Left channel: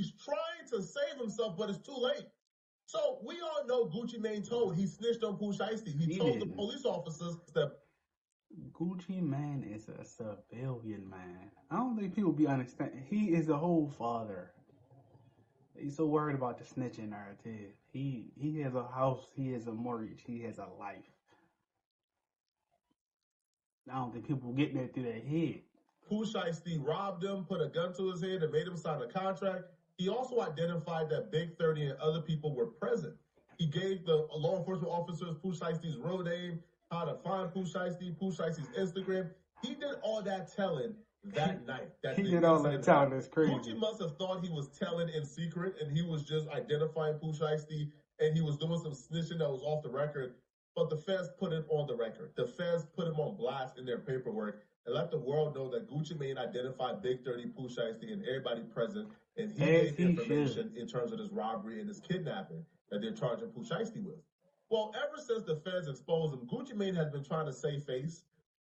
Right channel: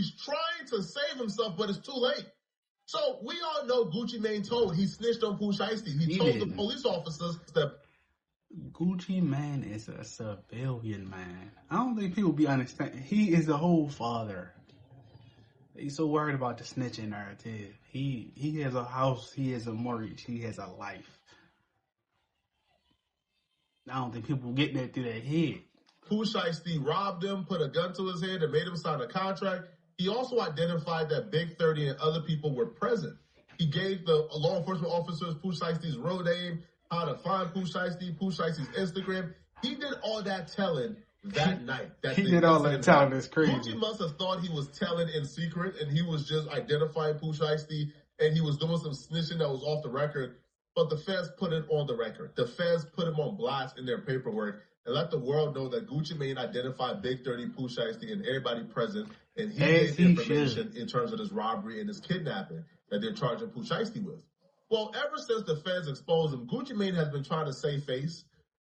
He's trying to save himself, but it's too late. So we all know Gucci Mane told. He snitched on Pooh Shiesty. He told the police officers that Gucci Mane is a civilian man. I don't think people be understanding. He is a whole father. He's so worried about the snitching narrative. He has a house. He has a mortgage. He has a life. I don't think people get that through their head. Pooh Shiesty robbed him, put a gun to his head, and made him sign a contract. He also identified that Big 30 and other people were present. He gave the law enforcement officers Pooh Shiesty's real name, how to find Pooh Shiesty's Instagram. He did all that telling that night. He did all that telling. It's crazy. Gucci must have thought he was telling in secret, and he was just identifying Pooh Shiesty, and he was doing some snitching that was off the record. But the feds put it on the record. The feds put him on blast in their paperwork and let the world know that Gucci Mane identified Big 30, Pooh Shiesty, and everybody present, and he gave information in terms of this robbery and this kidnapping that they're charging Pooh Shiesty with. Well, ever since the feds exposed him, Gucci Mane has been trying to save face,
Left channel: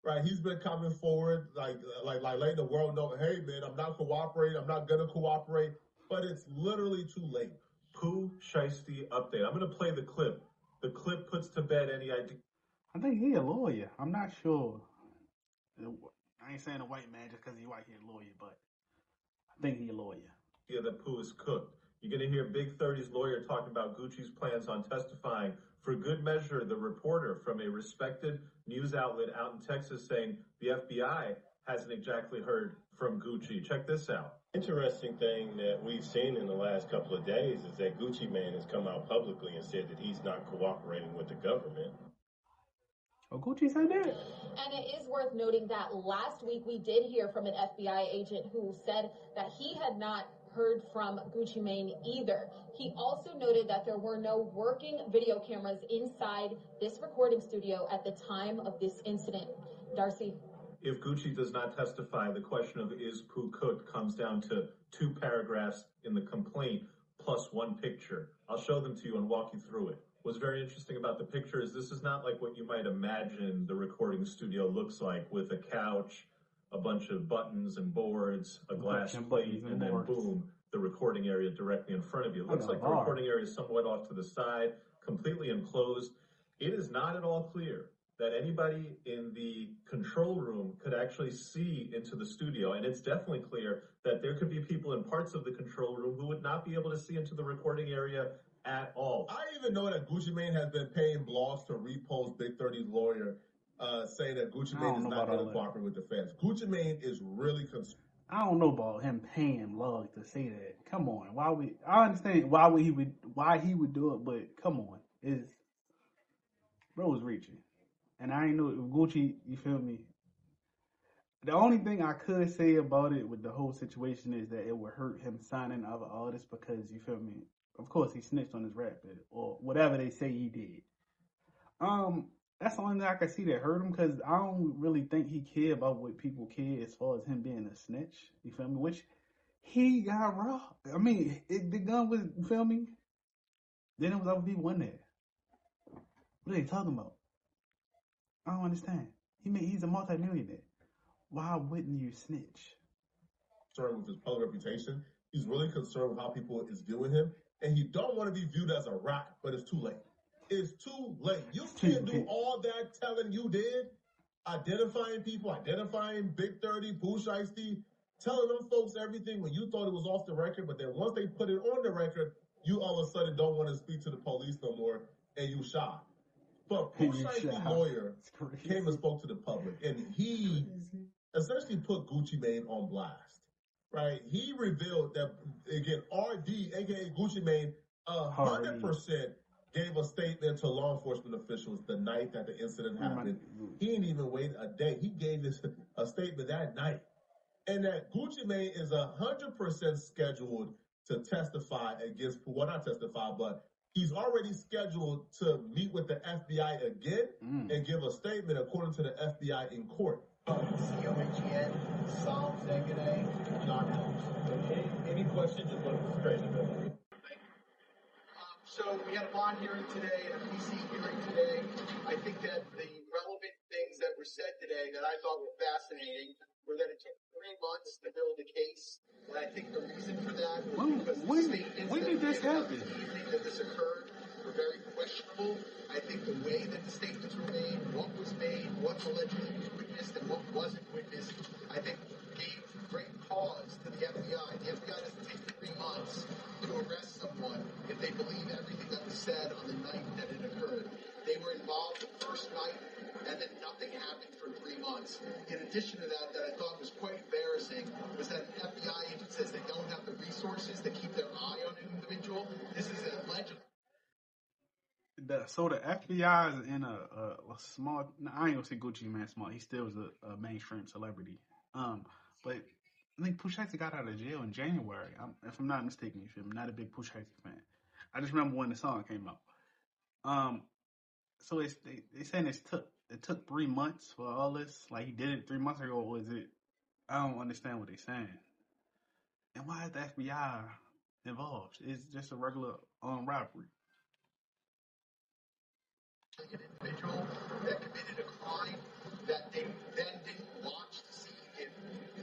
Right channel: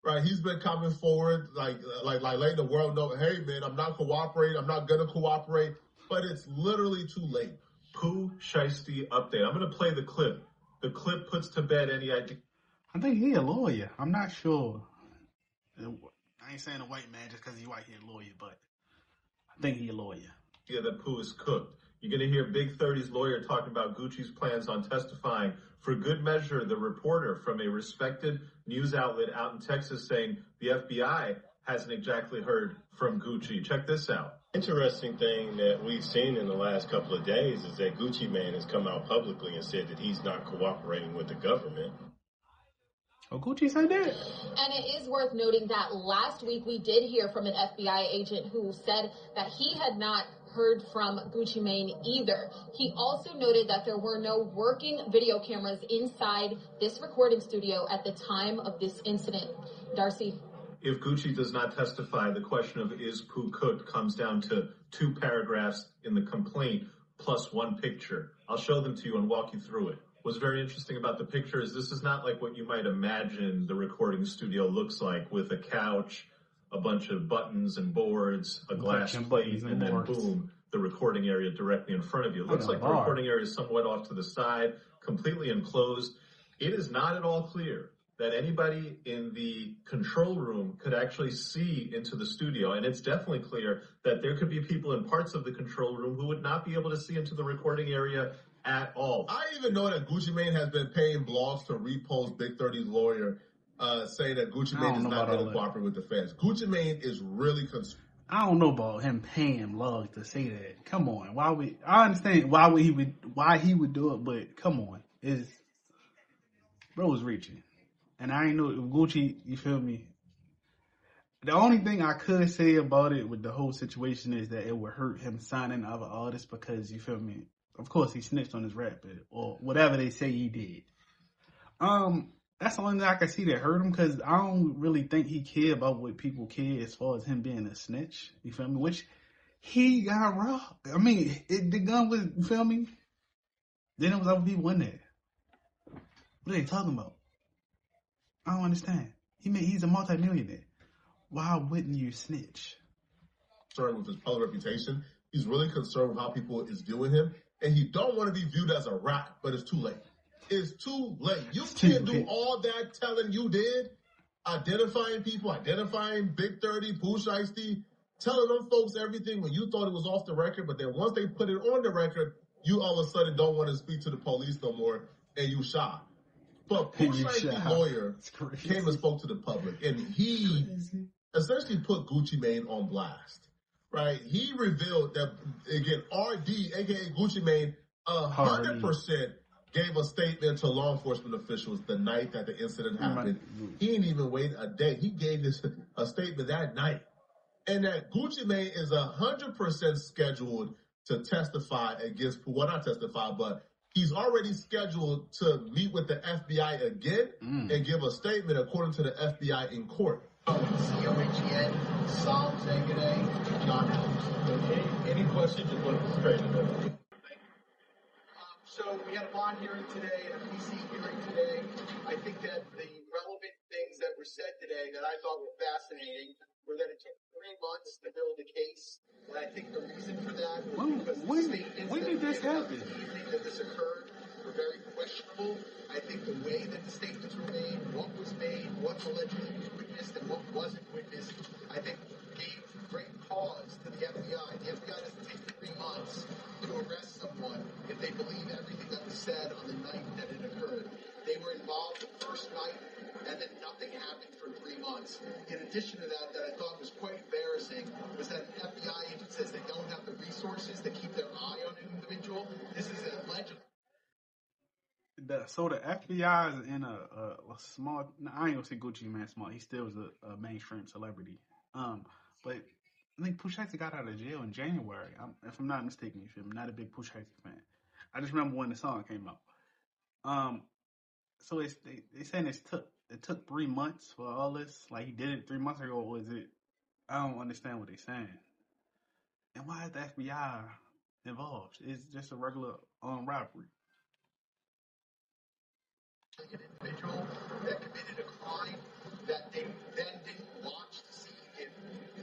right? He's been coming forward, like letting the world know, hey, man, I'm not cooperating. I'm not going to cooperate. But it's literally too late. Pooh Shiesty update. I'm going to play the clip. The clip puts to bed any idea. I think he a lawyer. I'm not sure. I ain't saying a white man just because he's white, he a lawyer, but I think he a lawyer. Yeah, that Pooh is cooked. You're going to hear Big 30's lawyer talking about Gucci's plans on testifying. For good measure, the reporter from a respected news outlet out in Texas saying the FBI hasn't exactly heard from Gucci. Check this out. Interesting thing that we've seen in the last couple of days is that Gucci Mane has come out publicly and said that he's not cooperating with the government. Oh, Gucci said that? And it is worth noting that last week we did hear from an FBI agent who said that he had not heard from Gucci Mane either. He also noted that there were no working video cameras inside this recording studio at the time of this incident. Darcy? If Gucci does not testify, the question of is Pooh cooked comes down to 2 paragraphs in the complaint plus 1 picture. I'll show them to you and walk you through it. What's very interesting about the picture is this is not like what you might imagine the recording studio looks like, with a couch, a bunch of buttons and boards, a glass plate, and then boom, the recording area directly in front of you. It looks like the recording area is somewhat off to the side, completely enclosed. It is not at all clear that anybody in the control room could actually see into the studio. And it's definitely clear that there could be people in parts of the control room who would not be able to see into the recording area at all. I even know that Gucci Mane has been paying blogs to repost Big 30's lawyer saying that Gucci Mane is not going to cooperate with the feds. Gucci Mane is really concerned. I don't know about him paying blogs to say that. Come on. I understand why he would do it, but come on. Bro's reaching. And I ain't know Gucci, you feel me? The only thing I could say about it with the whole situation is that it would hurt him signing other artists because, you feel me? Of course, he snitched on his rap, or whatever they say he did. That's the only thing I can see that hurt him, because I don't really think he cared about what people care as far as him being a snitch. You feel me? Which he got robbed. I mean, the gun was, you feel me? Then it was other people in there. What are they talking about? I don't understand. He's a multimillionaire. Why wouldn't you snitch? Concerned with his public reputation. He's really concerned with how people is viewing him. And he don't want to be viewed as a rat, but it's too late. It's too late. You can't do all that telling you did. Identifying people, identifying Big 30, Pooh Shiesty, telling them folks everything when you thought it was off the record. But then once they put it on the record, you all of a sudden don't want to speak to the police no more, and you shy. But Pooh Shiesty's lawyer came and spoke to the public, and he essentially put Gucci Mane on blast, right? He revealed that, again, RD, a.k.a. Gucci Mane, 100% gave a statement to law enforcement officials the night that the incident happened. He didn't even wait a day. He gave this a statement that night. And that Gucci Mane is 100% scheduled to testify against, well, not testify, but he's already scheduled to meet with the FBI again and give a statement according to the FBI in court. Any questions? Just want to straighten it up. So we had a bond hearing today, a PC hearing today. I think that the relevant things that were said today that I thought were fascinating were that it took 3 months to build a case. And I think the reason for that was because when statements did this happen? the evening that this occurred were very questionable. I think the way that the statements were made, what was made, what allegedly was witnessed, and what wasn't witnessed, I think gave great pause to the FBI. The FBI doesn't take 3 months to arrest someone if they believe everything that was said on the night that it occurred. They were involved the first night, and then nothing happened for 3 months. In addition to that I thought was quite embarrassing, was that an FBI agent says they don't have the resources to keep their eye on an individual. This is alleged. So the FBI is in a small. I ain't gonna say Gucci Man small. He still is a mainstream celebrity. But I think Pooh Shiesty got out of jail in January. If I'm not mistaken, I'm not a big Pooh Shiesty fan. I just remember when the song came out. So they saying it took 3 months for all this. Like he did it 3 months ago. Or was it? I don't understand what they're saying. And why is the FBI involved? It's just a regular robbery. An individual that committed a crime that they then didn't watch to see if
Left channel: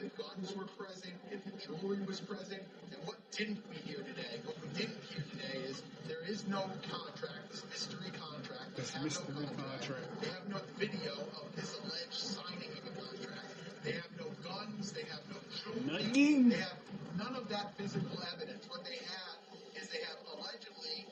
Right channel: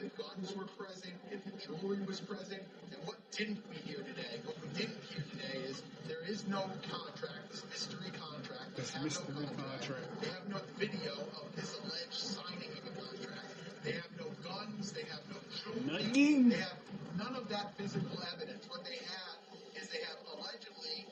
the guns were present, if the jewelry was present. And what didn't we hear today? What we didn't hear today is there is no contract, this mystery contract. They have no contract. They have no video of this alleged signing of a contract. They have no guns. They have no jewelry. They have none of that physical evidence. What they have is they have allegedly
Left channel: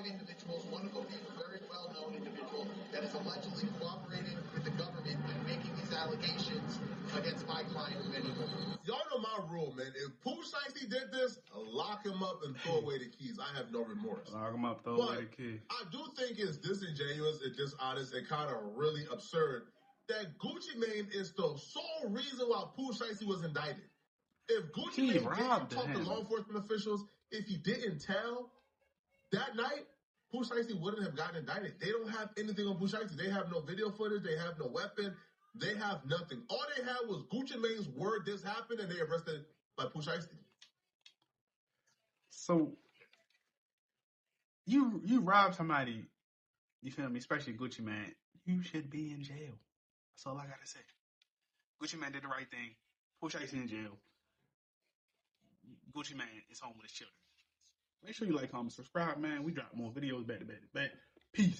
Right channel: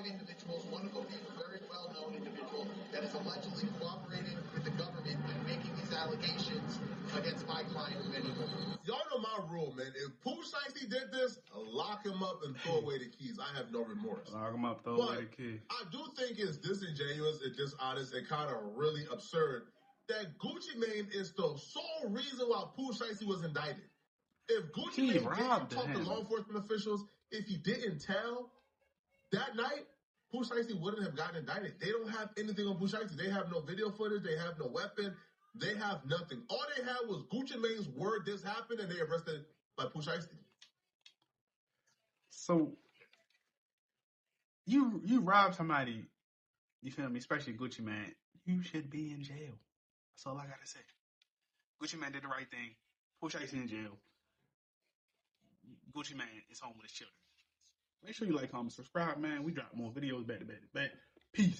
5 individuals, one of them being a very well-known individual that is allegedly cooperating with the government and making these allegations against my client and many more. Y'all know my rule, man. If Pooh Shiesty did this, lock him up and throw away the keys. I have no remorse. Lock him up, throw away the keys. I do think it's disingenuous and dishonest and kind of really absurd that Gucci Mane is the sole reason why Pooh Shiesty was indicted. If Gucci Mane didn't talk to law enforcement officials, if he didn't tell, that night, Pooh Shiesty wouldn't have gotten indicted. They don't have anything on Pooh Shiesty. They have no video footage. They have no weapon. They have nothing. All they had was Gucci Mane's word this happened, and they arrested by Pooh Shiesty. So you rob somebody, you feel me? Especially Gucci Mane. You should be in jail. That's all I gotta say. Gucci Mane did the right thing. Pooh Shiesty in jail. Gucci Mane is home with his children. Make sure you like, comment, subscribe, man. We drop more videos back to back. Peace.